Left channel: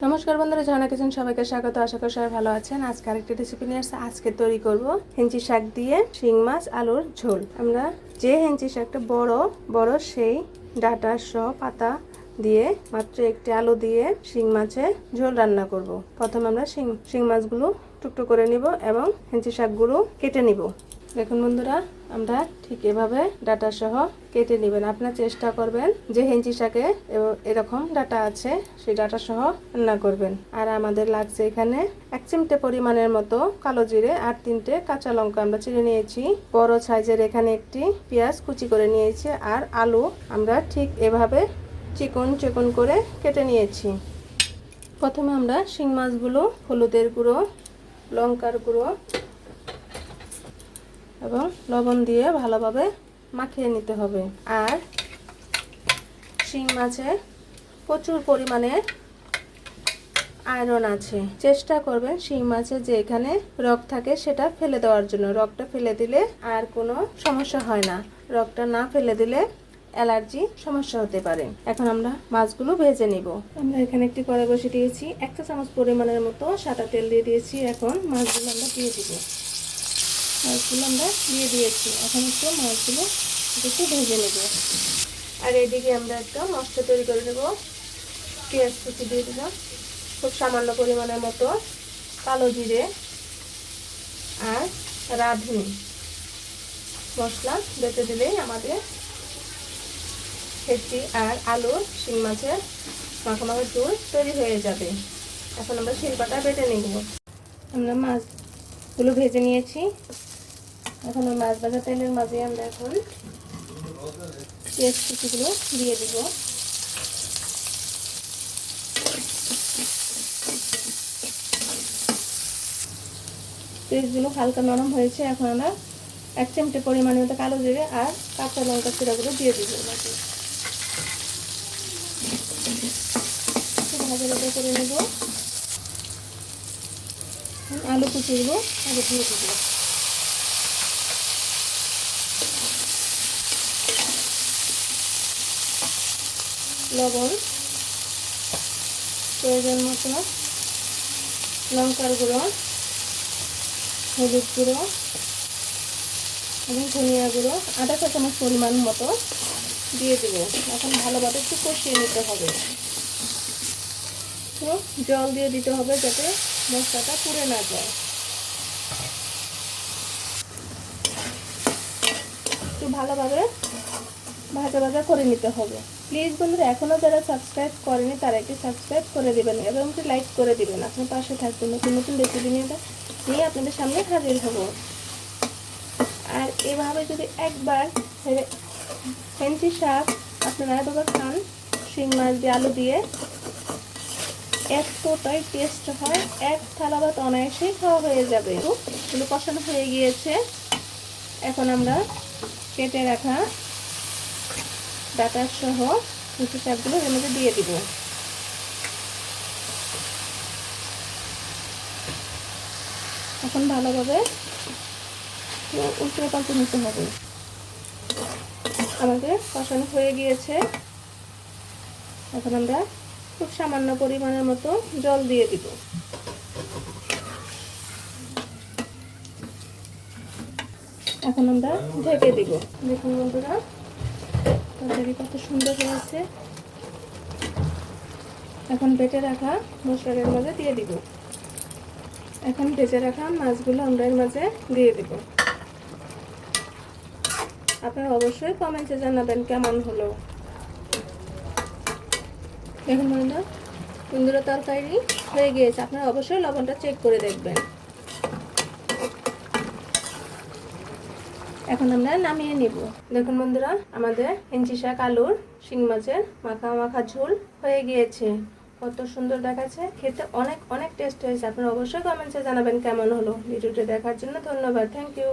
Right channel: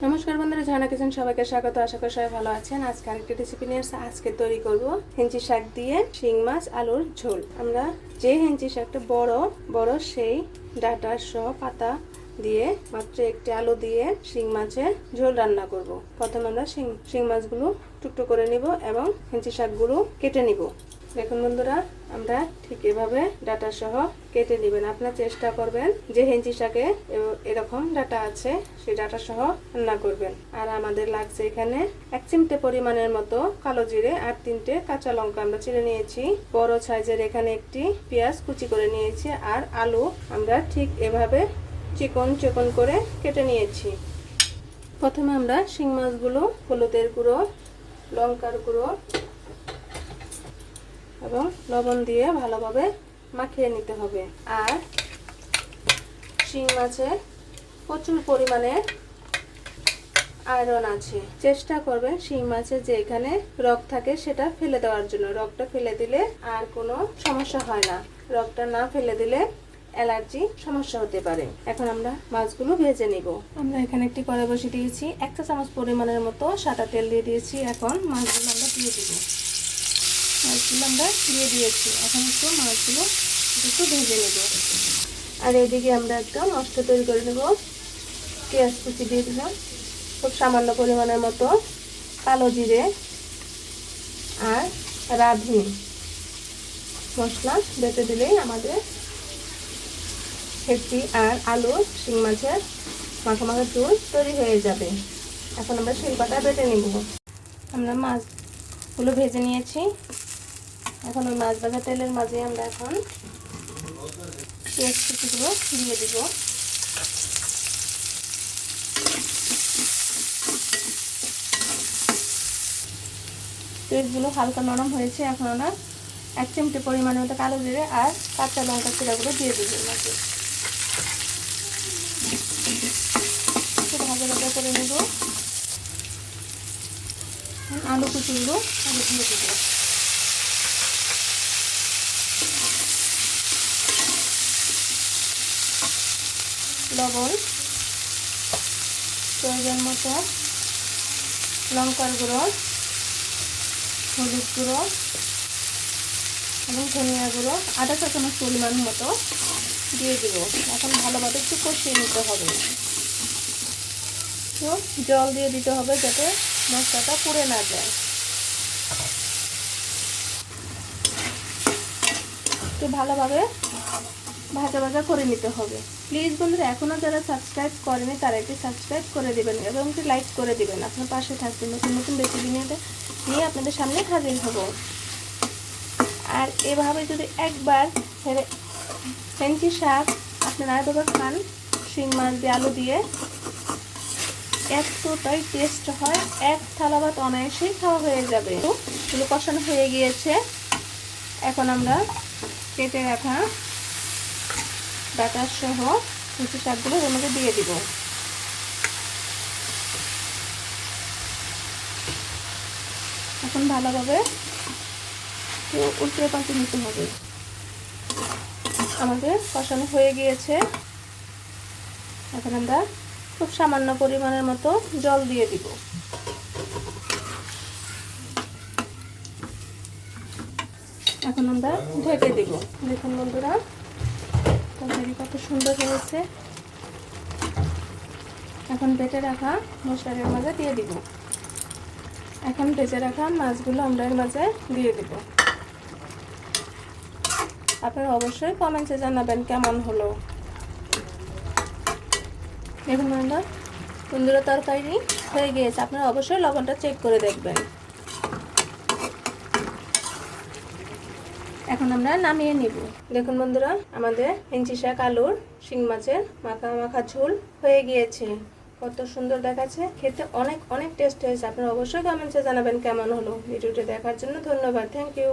নমস্কার বন্ধুরা, ঝর্ণা কিচেন সবাইকে স্বাগত। আশা করি সবাই ভালো আছেন। আজকে আরেকটি রেসিপি নিয়ে আসছে। আজকে তৈরি করব হেঞ্চি শাক দিয়ে শিং মাছ আলুর ঝোল। আমরা যে হেঞ্চি শাকটা বড় বড় সেই ডাটা সহ পাতা দিয়ে মাত্র একটি আলু দিয়ে শিং মাছের ঝোল রান্না করব। প্রথমে আমরা শিং মাছগুলো টুকরো করে নিব এবং হেঞ্চি শাকগুলো কেটে নিব। দেখুন বন্ধুরা, আমরা ঠিক এভাবে ডাটা সহ কেটে নেবেন। আপনার চেষ্টা করবেন যে হেঞ্চি শাকে এরকম ডাটা আছে সেই ডাটা সহ রান্না করবেন। আর আমাদের লাগছে এখানে 1 চিমটে পরিমাণের মতো কালো জিরে আর 3টে কাঁচা লঙ্কা আমরা চিড়ে নিয়েছি। বড় সাইজের এখানে একটি পেঁয়াজ কুচি করে নিয়েছি। আর আলু আমরা ঠিক এভাবে চিকন চিকন করে কেটে নিয়েছি। প্রথমে আমরা শিং মাছগুলো হলুদের গুঁড়ো, লঙ্কার গুঁড়ো এবং লবণ দিয়ে ভালোভাবে মাখিয়ে নিতে হবে। আর শিং মাছে প্রচুর পরিমাণে আয়রন আছে। চেষ্টা করবেন শিং মাছে যে এখানে রগ থাকে সেটা ফেলে দেওয়ার জন্য। রগটা ফেলে দিলে আর কোনো সমস্যা হয় না। রগটা না ফেলে দিলে অ্যালার্জি সমস্যা হতে পারে। এখন আমরা মাছগুলো ভেজে নিব। আমরা এখানে একটি কড়াই বসিয়ে দিয়েছি। 1 চা চামচ পরিমাণের মতো সাদা তেল দিয়ে দিয়েছি। এখন মাছগুলো আমরা দিয়ে দিব। মাছগুলো আমরা দিয়ে দিয়েছি। এখন একটু মাছগুলো একটু ভেজে নেব। আর এদিকে আমরা একটা মশলা তৈরি করে নেব। পেঁয়াজ কুচি দিয়ে দিলাম, খুব সামান্য পরিমাণের মতো কালো জিরে আর রাঁধুনি মশলা বেটে দিলেই আমাদের হেঁচি আর আলু শিং মাছের মাখা ঝোল তৈরি হয়ে যাবে। এখন আমরা শিলপাটা বেটে নেব। আমরা মাছগুলো ভেজে নিয়েছি। এখন ওই মাছ ভাজা তেলের মাঝে আমরা এখন পেঁয়াজ কুচিগুলো দিয়ে দিব। পেঁয়াজগুলো হালকা নরম হয়েছে। এখন আমরা 1 চিমটে পরিমাণের মতো কালো জিরে আর কাঁচা লঙ্কা চিড়াগুলো দিয়ে দিব। ভাজা ভাজা করে নেব। আলু কুচিগুলো আগে দিয়ে দিব। লবণ প্রয়োজন মতো, লঙ্কার গুঁড়ো, হলুদ গুঁড়ো এবং ধনিয়া গুঁড়ো আধা চা চামচ পরিমাণ মতো দিয়ে দেব। এখন ভালোভাবে একটু কষিয়ে নিতে হবে। তো জল দিয়ে দিতে হবে যাতে মশলাটা পুড়ে না যায়। একটু ভালোভাবে ভাজা ভাজা করে নিতে হবে। প্লিজ বন্ধুরা, এখনও যারা সাবস্ক্রাইব করেনি তারা একটি সাবস্ক্রাইব করে দেবেন এবং একটি লাইক করে দেবেন। আপনার পাশে থাকবেন। নতুন নতুন রেসিপি নিয়ে আপনাদের সামনে হাজির হব। আর এভাবে যদি একবার হেঞ্চি শাক আপনারা আরেকবার খান শিং মাছ দিয়ে আলু দিয়ে, এতটাই টেস্ট হয়, এক থালা ভাত অনায়াসেই খাওয়া হয়ে যাবে। তো এগুলো কষানো হয়ে গিয়েছে। এখন আমরা কেটে রাখা ডাটা সহ হেঞ্চি শাকগুলো এর মধ্যে দিয়ে দিব। এখন ভালোভাবে উল্টে পাল্টে নিতে হবে। আমাদের কষানো হয়ে গিয়েছে। এখন আমরা খুব সামান্য পরিমাণের মতো জল দিয়ে দিব। এখন আমরা ঢেকে দিব। দেখুন বন্ধুরা, তরকারি কত সুন্দর হয়েছে। এখন বেটে রাখা মশলার মাঝে দিয়ে দিব। এখন ভেজে রাখা মাছগুলো আমরা এর মাঝে দিয়ে দেব। আপনারা অবশ্যই কমেন্টে জানাবেন কেমন হলো। দেখুন বন্ধুরা, তরকারি হয়ে গিয়েছে। আপনারা অবশ্যই লবণটা চেক করে দেখবেন। এখন আমরা নামিয়ে নিব। দেখুন বন্ধুরা, আমাদের হেঞ্চি শাক আলুর শিং মাছের মাখা ঝোল হয়ে গিয়েছে। কত সুন্দর দেখাচ্ছে, খেতে অনেক অনেক টেস্ট হয়েছে। আপনারা অবশ্যই কমেন্টে জানাবেন কেমন হলো। ভিডিওটি দেখার জন্য ধন্যবাদ। Thank you.